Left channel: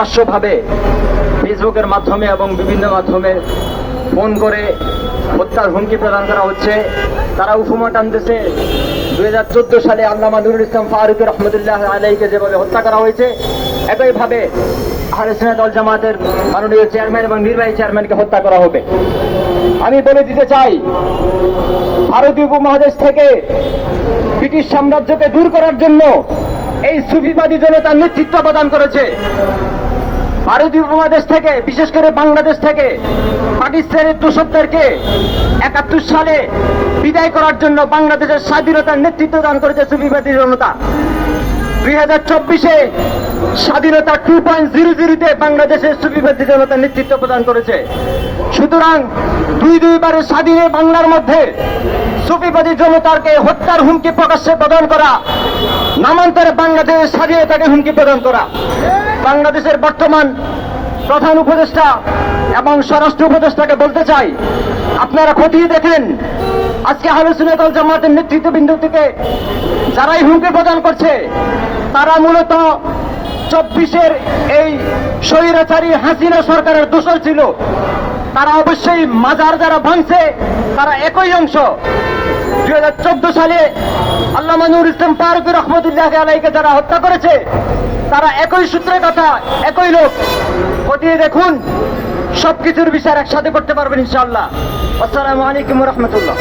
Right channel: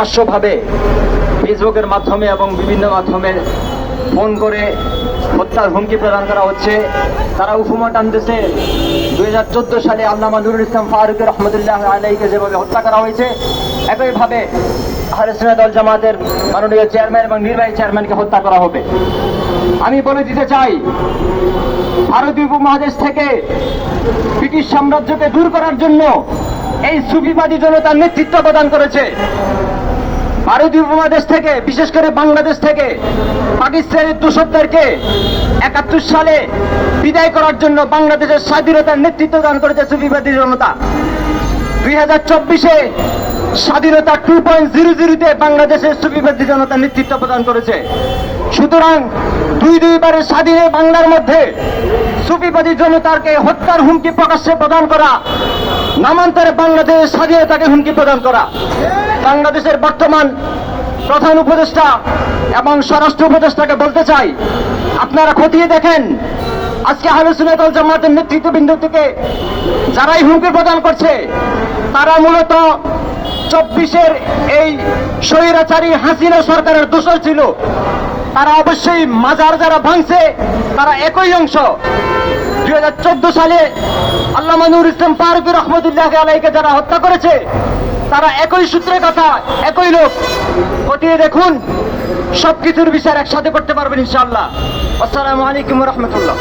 প্রকাশ্যভাবে ফেসবুকের মাধ্যমে এবং বিভিন্ন মাধ্যমে ফোন করে হত্যার হুমকি প্রদান করা হচ্ছে। তারা উপমা টানতেছে। দুই হাজার চোদ্দ সালে আল্লামা নুরুল ইসলাম ফারুক রহমতুল্লাহ আলাইকে যেভাবে হত্যা করা হয়েছে, একইভাবে আহলে দল জামাতের মাননীয় চেয়ারম্যান এবং নির্বাহী চেয়ারম্যানকে হত্যা করা হবে। আমি বলে দিতে চাই, ভারতীয় উপমহাদেশ থেকে ব্রিটিশ সাম্রাজ্যকে দূর করার জন্য এই সুফিবাদী জনতার নেতৃত্ব প্রদান করেছে। ভারতীয় উপমহাদেশ থেকে, বিশেষ করে বাংলাদেশ থেকে, পাকিস্তানের দোষকদেরকে একাত্তর সালে বিদায় করার জন্য বাংলাদেশের স্বাধীনতার নেতৃত্ব দান করেছে সুফিবাদী জনতা। দুই হাজার চব্বিশে স্বাধীনতা টু পয়েন্ট জিরো জিরোতে বাংলাদেশের সুফিবাদী জনতা নেতৃত্ব প্রদান করেছে। সুতরাং দুই দুইবারের স্বাধীন বাংলার মধ্যে সুফিবাদী জনতাকে হত্যার হুমকি প্রকাশ্যে প্রদান করা নামান্তরে বাংলাদেশের স্বাধীনতাকে হুমকি প্রদান করা। বাংলাদেশের বর্তমান প্রধান উপদেষ্টা এবং স্বরাষ্ট্র উপদেষ্টাকে বলতে চাই, আপনারা খতিয়ে দেখেন, আজকে আলোচনা দল জামাতের নেতৃত্ববৃন্দ থেকে যারাই হুমকি প্রদান করছে, তারা মূলত চব্বিশের এই স্বৈরাচারী হাসিনা সরকারের দোষর ছিল। তারা অবশ্যই মাজার যারা ভাঙছে তারা একই অংশ। দুই হাজার চোদ্দ সালে আল্লাহ নুর ইসলাম ফারুক রহমতুল্লাহ আলাইকে যারা হত্যা করেছে, তারা একই সূত্রের কথা একই লোক। খতিয়ে দেখুন, সবকিছুর বিচার একসাথে করতে পারবেন ইনশাআল্লাহ। আসসালামু আলাইকুম রহমতুল্লাহ।